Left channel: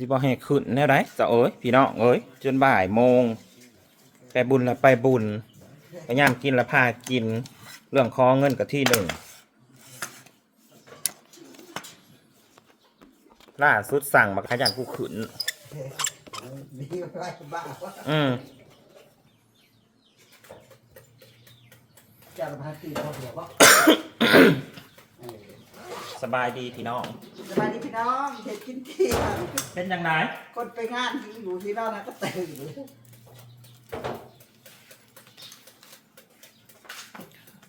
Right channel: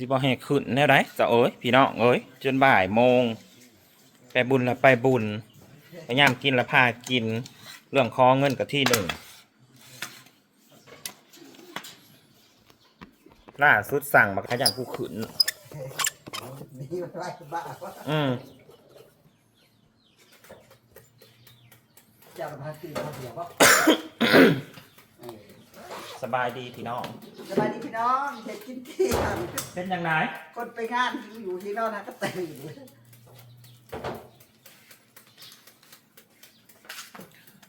สิบ่ให้ขึ้นแน่ไรจะเอ้ยพี่น้องเอ้ยจนบ่ายโมง ไปบุญละไปบุญพยายามกินละพากิน เรื่องคอเงินกับที่หนึ่งล่าสุดสั่งมาขยันผู้ขึ้นนี่มันไรบ้าวะอืมเจ้าพาตีเขาเดียววะเออสบายดีพี่น้อง สบายดีพี่น้องเห็ดกินเที่ยงเป็นยังไงคนไปงานอยู่ที่นอกนะก็ตื่น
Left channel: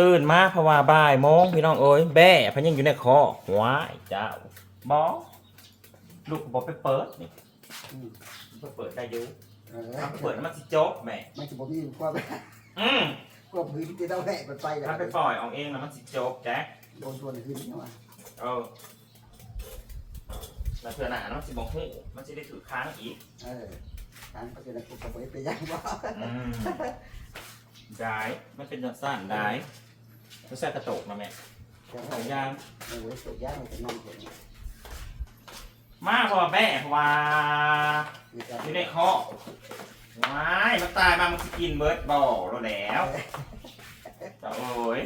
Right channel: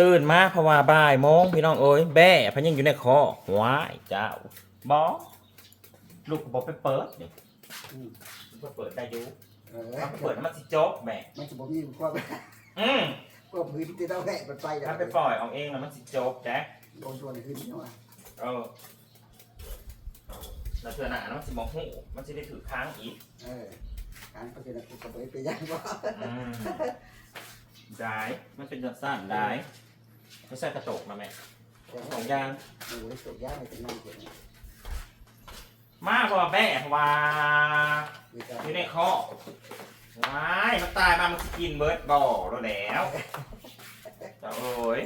ตื่นมาเพราะว่าบ่ายโมงพี่น้องเอ้ยแบ่พะยังอยู่ในคอว้ายเจ้าบอลูกบอกไปเปิดนี่อืมไปเปิดได้อยุเออถ้าเปิดแล้วมันสิจบแหม่มันจะบ่มีความอืมความพื้นที่เราแหะมันไปแล้วถ้าไปปล่อยเอาเองแล้วมันสิจบแจ๊คโดนตัวไหนขึ้นนี่วะเออ แล้วเถื่อหนาเนาะสิบอกหูมันจะได้ถือค้างอีกเออทางก็จะได้กูจะไปไปยังวะอืมได้มันเป็นแบบสั้นได้ไม่ใช่กระจกนะแม่สองอยาง โอ้ยตกยากเลยจะนั่งเห็นมาพอแม่ว่านี่ก็อยู่ในคอว้ายมันตายมามันสิกินเบิร์ดบ่อแล้วแล้วแต่โอ้ย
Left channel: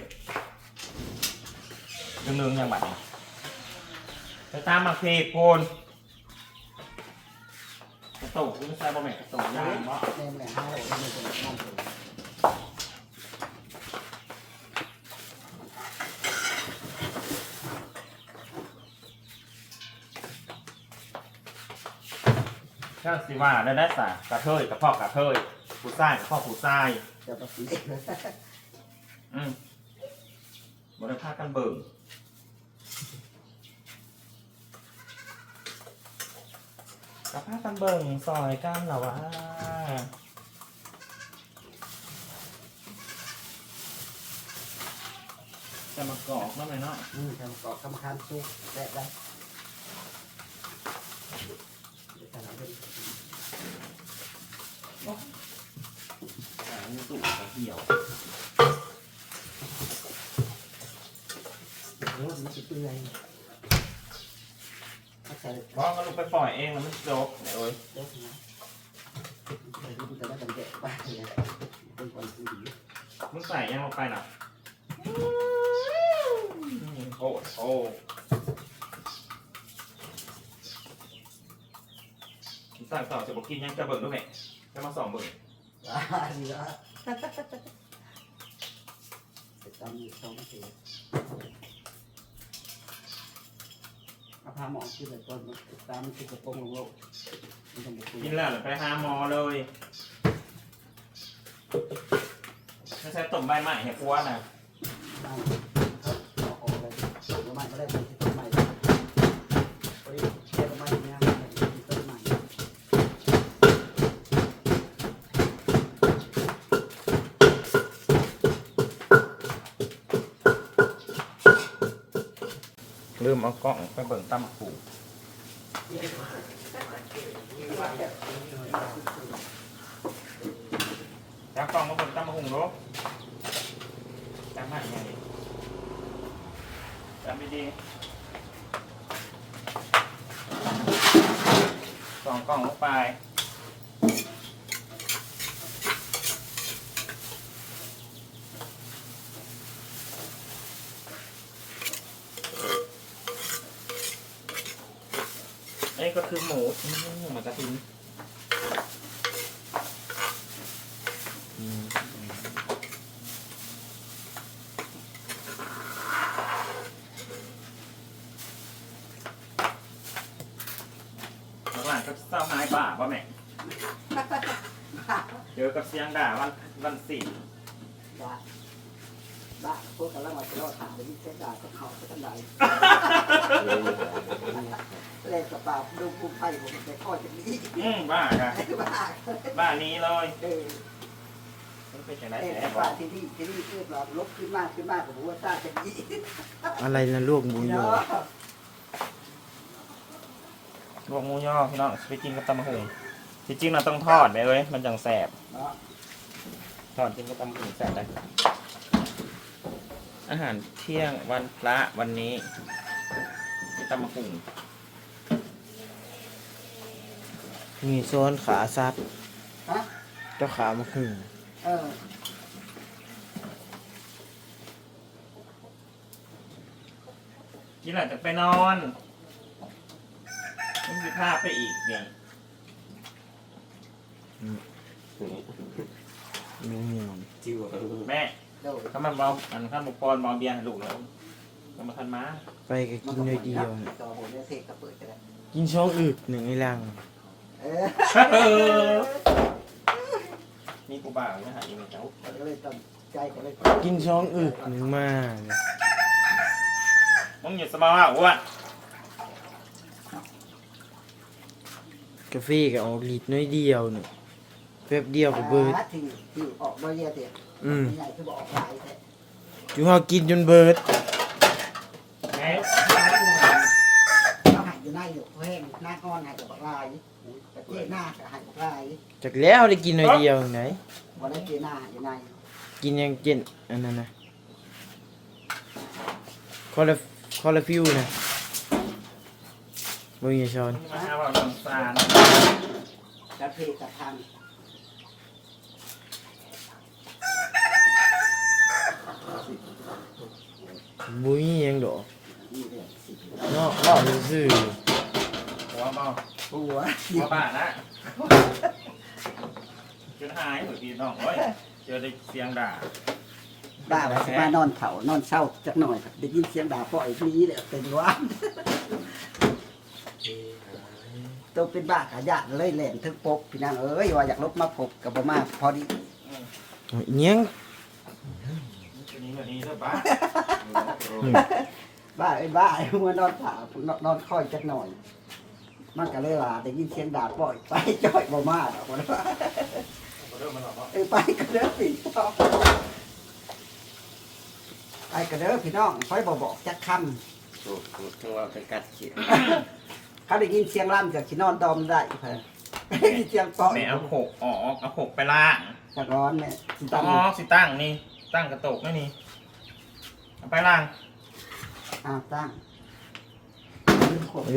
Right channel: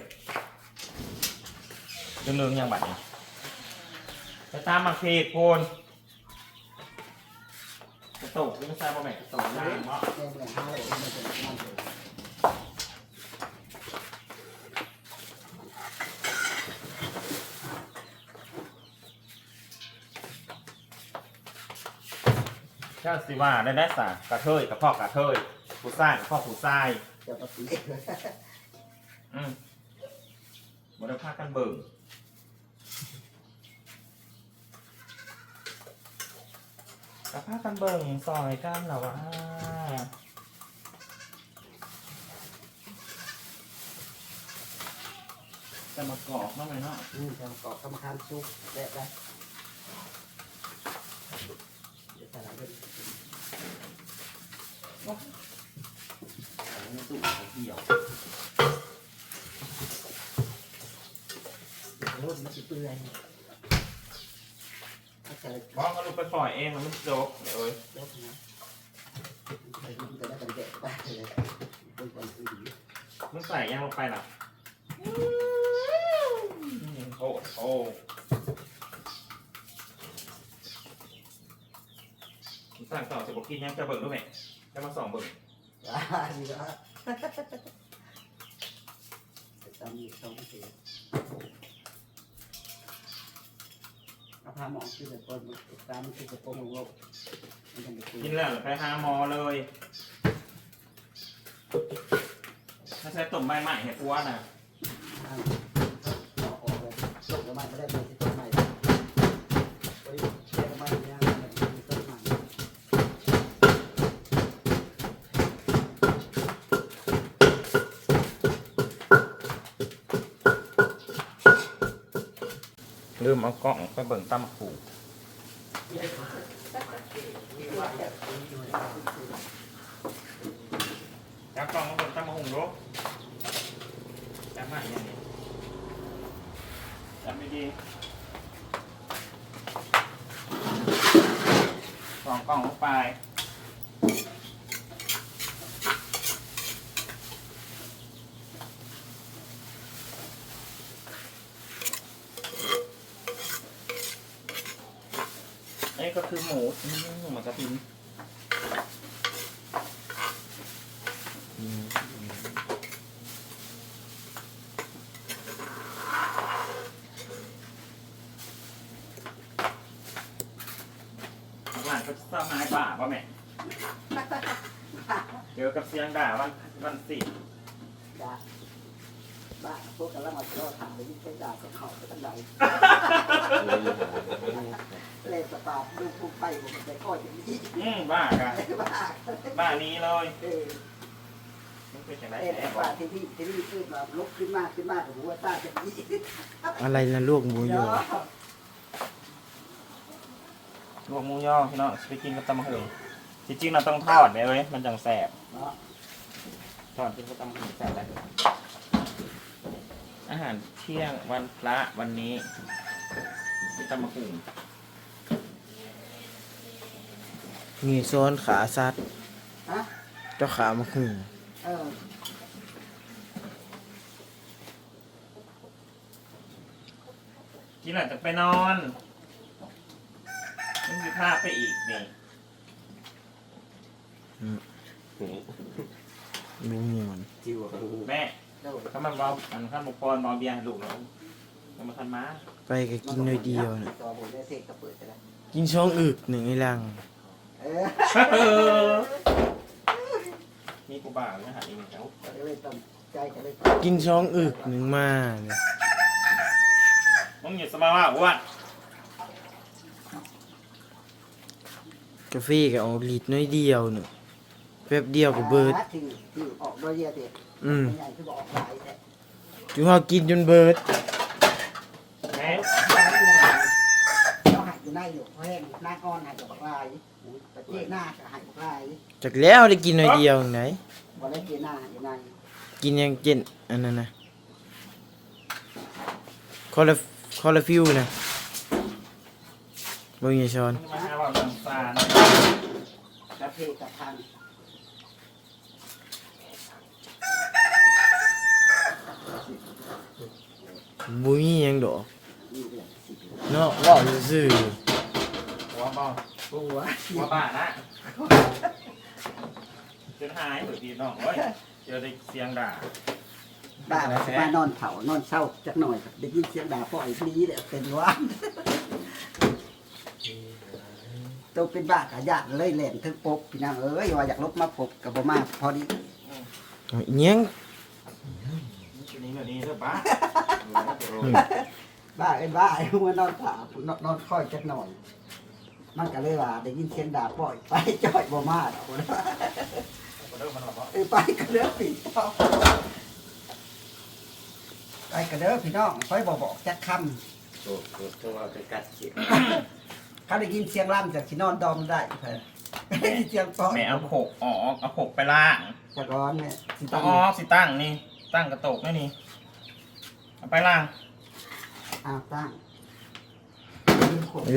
ลืมๆยังบัดนี้ไป ตามมาเพจโพนกระตุกหรือไม่ใช่บ่แม่กระตุกยางเนาะแม่เมื่อห้าโลมันจะนั่งเห็นเจ้าสิว่าได้ได้สากระเทยกับพ่อกระเทยผู้ชายกับพ่อผู้ชายจะมาสีอืมบริภาคกันเบิ่ง กระพากันเบิ่งซอยกันเหรอวะจะมากรอกนั่นเลยเนาะอืมทำกรอบทำคานซุกแดดได้เดี๋ยวจะหาเรื่องอ่ามีตู้ของเหี่ยวรถมันจะเปื่อย ถ้าใส่บอกก็ลูกไปปล่อยเองแล้วมันจบเนี่ยเอ้ยรถนะใส่มันจะได้กันแดดไปเลยเป็นคนซื้อดีมึงใส่ยังลงไปน่ะอืมโอ้มึงสั่งต่อจะบอกกินยังจะเบิ่งด้วยไหมจะมาสองเบิ่งว้าดีละจะจำอยู่สองเสียเอาพาหมอขึ้นไปก่อนตามมันคือกระโปรงลงโลกมันต้องไปคุยกินแล้วไปหาหมอเลยไม่ใช่ต้มใบไม้เห็ดพัวนะบ้านเอาออกเลยตกลงมาไม่ได้ไปที่ ลืมเอากล้องไปเบิ่งตั้มขู่แล้วกล้องมาเบิ่งตั้มมาหุงรบตั้มใหม่ยังไงตั้มไม่ดีสองกล้องลงไป ก็คือหมูอืมหมูกระทินอืมหลานก็เศร้าหายป่าป่ะแม่เจอกับเสียงด่าวันวันศิลป์ ด่าด่าพวกกำลังมาทะเลาะกันเลยเส้นด่าสักเขาจะกันใดแรงกระตาดูผู้ไปผมจะก็จะมีอืมบ้ากันบ้าบ้านี้เลยเออมันเป็นอย่างไรเอ็นแหบ้าที่นี่ที่นี่ขึ้นมาลบขึ้นมากขึ้นมากกับหัวตาจะมีอะไรนะลูกหมูยอลวกหมูย่อพี่น้องไปกินกับตำมะฮึงจริงๆเราต้องทอดไปเลยมันจังแสบเนาะทอดกินกับตำมะฮึงแสบได้ อาหารเที่ยงวันพระวันนี้มีตำมะฮึงมีซ้อนขาซัดฮะเจ้าขามาครึ่งเออนี่แหละจะไปนอนมึงจะพาไปอีกนี่มีเงินจิวแม่เด้อ ถ้ามันเบาอันข้ามบปอนเบาเบียร์ให้ลูกแล้วก็มาทันมาไปก็กินเลยเดียวน่ะต่อผมได้เทศก็เปิดกันแล้วกินช่องอึกหนึ่งในลังเออนี่กูบ่าวเนี่ยหาอีเมลเจ้าก็เลยต้องใจก็เลยกินช่องอึกหนึ่งมาเนี่ยมึงอย่าสบายว่าอ้วนกาแฟก็เอาลิตรน้อยเดียวหนึ่ง แป๊บเดียวก็เบิดที่ที่ออกด้วยเยอะเด็ดอืมใหญ่คือบอกหลายแต่อยู่เฮากินจนเบิดแม่เราหายอยู่ในอยู่แห้งหน้าก้อนหายกับลายประเทศหน้าก็หายกับลายจากแล้วได้กินน้อยเดียวไหนบอได้เจหน้าอยู่ในกินยังเจนอันนั้นนะคอลาคอลาฟิวนะบ่มีช้อนมึงมาหาว่าเรื่องฟานกระเพกระทัง บ่มีหยังดอกนี่เลยสิเนาะเว่าซื่อหัวเบาหัวหัวบ้านะจนหายเหมือนพี่น้องเฮ้ยเจอได้เสียงด่าบ้านมานอนเขานอนเศร้าจักหน่อยได้ยินเสียงด่าพ่อไอ้นี้แหละเป็นว่าตัวเป็นบ้ากะยานเลยแหลนถึงปบพี่นางเอ้ยว่าอยากลบมาพบกับบ่มาพอดีๆเอาอีหยังนี่ตัวนี้แบบนี้เด้อป้า บ้าเอ้ยบ้าไอ้หัวนอนผ่านอนนอนคอยจักหน่อย มันก็เลยว่าได้ยินเสียงด่าปล่อยไปจ้อยบ่มาดอกว่าเริ่มมันออกเออไปกันเด้อพี่น้องไปกันเด้อพี่น้องค่อยบอกบอกจักคโอ้โหตัวว่าเป็นกัดเขียวำเขาได้ยินเสียงลั่นกับชินอนดอมได้เพิ่นได้ยินเสียงปอยแม่เอาโขกออกเอาโขกไปล่างตะกอนเนี่ยสิต้ตั้องงออกสิตั้งนี่ตั้งกระตกนี่นี่ เอาไปล่างอ้าวตั้ง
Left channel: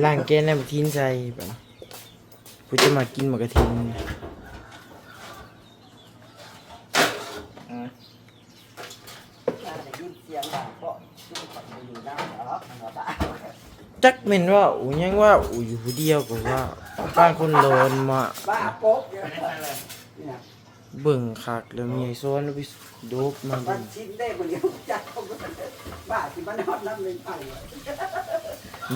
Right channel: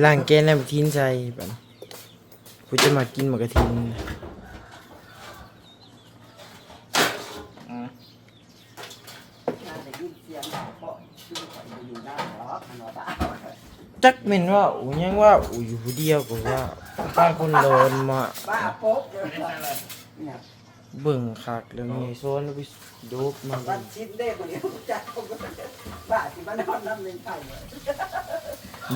ล่างแกนแล้วมาทิ้งใส่บัดผู้จะมากินหมากกระทิงอืมได้ยินเสียงด่าปล่อยชื่อข่อยบ่อยู่ได้หรอกมันว่าบ้าจักแม่นว่าอูหยังว่าอูอยู่ผู้เดียวก็ว่าบ้านคนโลนมาบ้าโป๊กไม่ได้ใช่ เลยเนี่ยเบิ่งคักแล้วมีโซนแล้วไปโดบมามัเบิ่นงชินได้บ่เดียวจักเขาก็บ้าสิมานอนน้ำหนึงไปเลย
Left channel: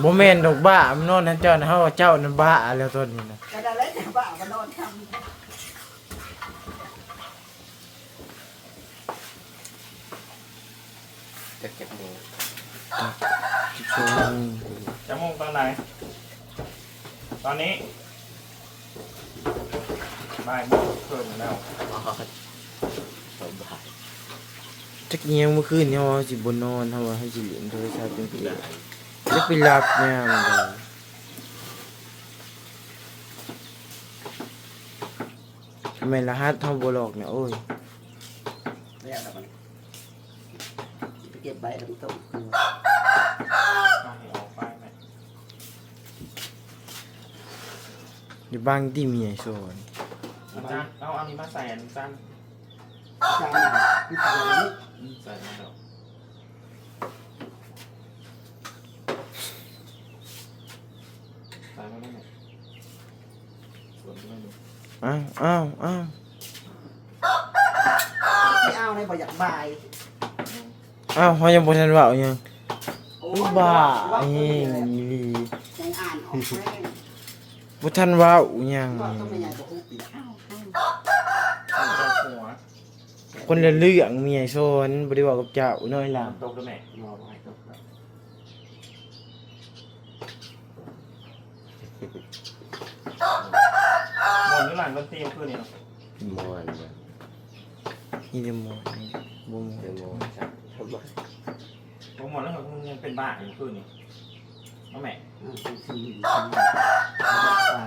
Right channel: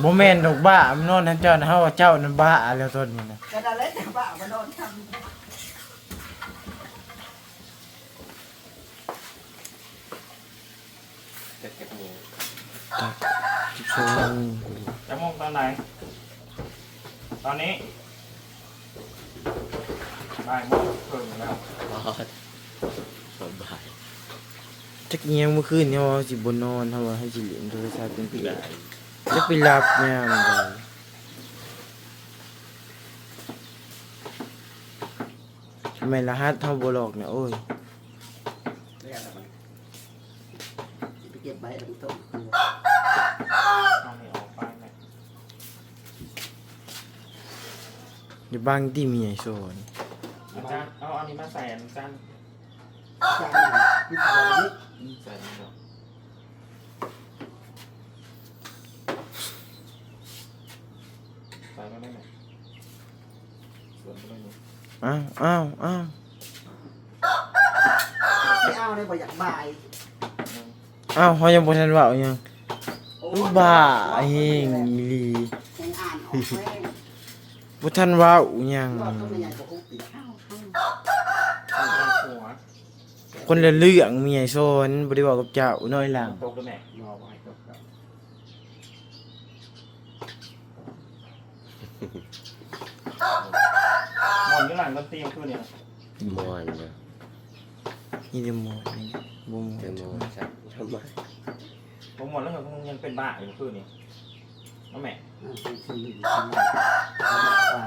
บ่แม่นดอกบ้ามันนอนนั่นเจ้านะเฮาว่าเจ้านั่นบ้าแล้วตอนนี้นะแต่ได้แล้วจะบ้ามานอนทำจะเจ็บมือโซนจะมุ่งตอนไหน ตอนนี้ บ่ายโมงเพิ่มแล้วสมบายจักเอียงเมื่อคืนเนี่ยว่าสิบ่นอนเฮาว่าให้สิเล่นโทรศัพท์เป็นเกมแล้วไปหลับยามใดทำไมรหัสเฮาบ่หลอกเนี่ยโอ้ยแล้วล่ะมันไปเก็บใบแล้วมันต้มเอาให้ออกไปไหมเดี๋ยวบางที่มีไอ้โซน อาจารย์เอาอันนี้มาใส่อันนี้สั้นจานพิจารณานี้ใส่อันนี้ดอกใส่มาได้ไหมส่วนก็ไม่รู้อ้าวอ้าวอ้าวไม่เอาเนี่ยบ่อยากบายอืมอ้าวเฮายังบ่ทันเว้าหยังโอ้อุ๊ยบ้าไอ้อีหลี ยังอ่านออกแม่ง บ่ทันเว้าหยังว่าต้องเป็นยังกับผู้ปิดข้าวข้าวเอาหัวคนละเรื่องมีไอ้โซนบ่ได้เว้ากับเจ้าน้อยหลังตกด้วยแม่รอไว้ตกแล้วหมอนหรือหลังดนตรีมันคือนี่เนาะมอนเลยนี่เดโมนี่บ่หมเป็นดมอนครับทำไมผมหมดแล้วเหรอมึงยังเป็นบ้าอยู่เมื่อคืนนี่ น้องแม่อ่าคือคือคือว่า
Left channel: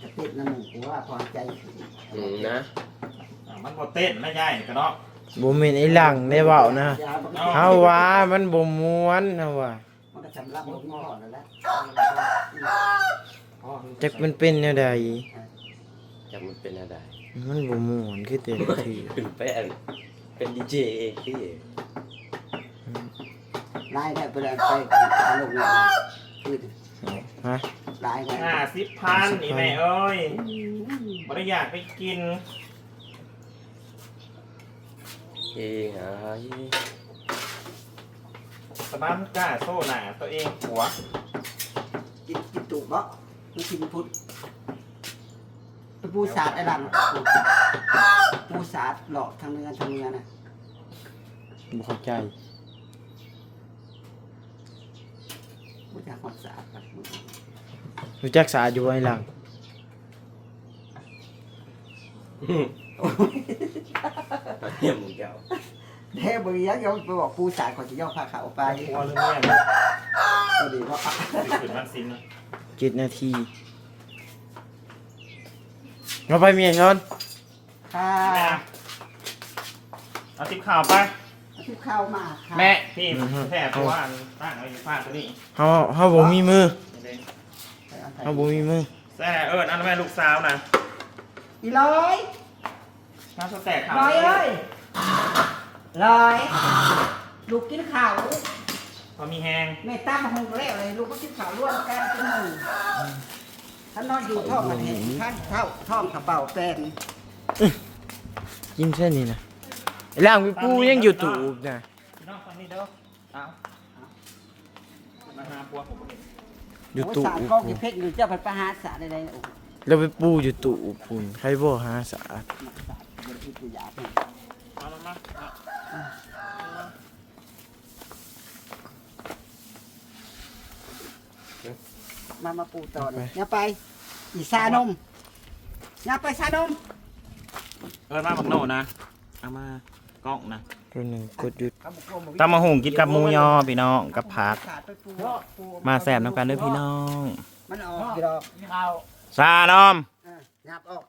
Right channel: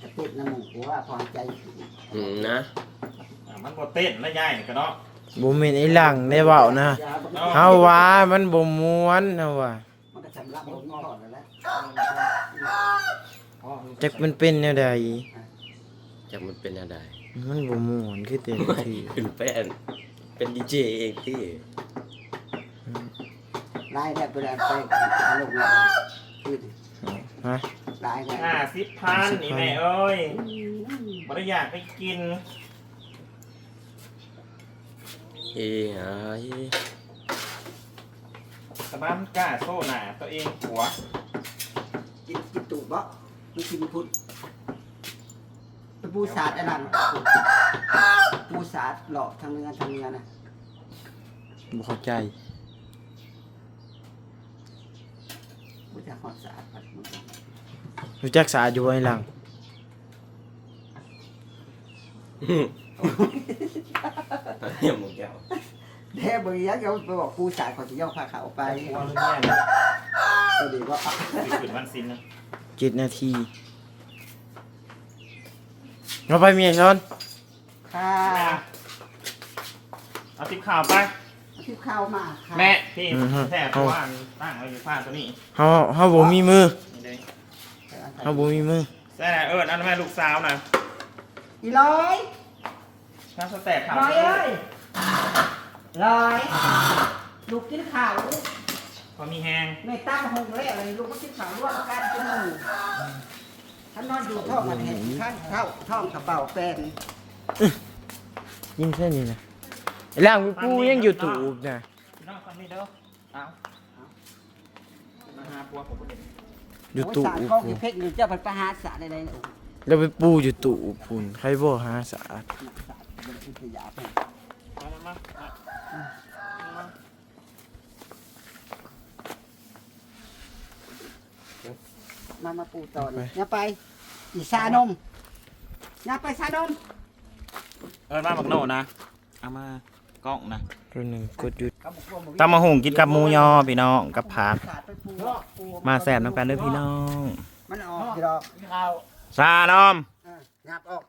จะติดน้ำหมูกูว่าความใจอืมนะอ่ามันบ่เต้นนะยายนี่ก็เนาะบ่แม่นไอ้หลังได้เว้านะเฮาว่ามันบ่ม่วนเฮาว่ามันก็สำลักลงก่อนแล้วแหละอ๋อจักมันเป็นแนวใดอ่าจะมันเป็นอะไรมันบ่ม่วนคือแต่ละที เป็นแป้นเป็นดีเจเองที่ ได้ไปแล้วไปหาลงงานคือฮะลายได้ห้าสิบพันนี่แม่เอ้ยบริอยากไปกิน เอ้ยไอสบ้ามกล้าโซ่หนาตัวเองหัวกินกินตูดบ่นี่กินพุทธไปปูสาดไอ้ดันปูศาสาดหลอกทางเนื้อทางเนื้อนะบ่เข้าใจ ปูจะหอดสาดปัดมือรู้จักสาอยู่ไว้หลังเยี่ยมหมูแก้วเด้บริยะโยมไปบอกปูสาดเขาจะย่อผ้าขาวไปไปหัวเรื่องเนี่ยก็ดีว่าสิขึ้นวันสินนะเจ็ดนาทีเราไปเมียชนค่ะแม่เอาติบข่าวไป เอาที่เข้ามาค่ะแม่พี่แท้เพราะว่าตั้งไว้ในผ้าตัวนี้เฮาเฮาบ่มีมือนี่เด้เฮาบ่มีมือแซ่เอิญอันนนแม่ลูกสาวนะอีร้อยถ้าสแตกข่าวร้อยเอ้ยร้อยลูกกินข้าวพอมีแหงเมตตามาหุงแรกเลยลูกก็กินข้าวร่วมกันเป็นหมู่ท่านนอนอยู่ท้องมันเห็นท่านเข้าท้องกระเป๋าแฟนกินเส้นนี้นะ ไอ้ล่างกูยังอยู่ตูบนะพี่น้องฟังนี่เด้อเอามาหาปัวผมบ่เห็นอยู่โอ้ยตูสารบกองที่เพชรอยู่เจ้าไปประหารสารอะไรเนี่ยโอ้โหแล้วไปปูอยู่ตูบพุ่นใครบ่หาสะอาดสารเป็นอิทยาเป็นมามามามามามาปูต่อเนี่ยอย่าไป อีสานมอย่าไปสานมเอิญมาบักโนนะเอามา กล้องนะตัวหนึ่งกดหยุดตำมะหุงกินกับหมูยอพี่น้องกับผักขาดไปปูปูมาแสบน้ำกันเด้อพี่น้อง มันออกกี่ดอกซานอมอะงับออก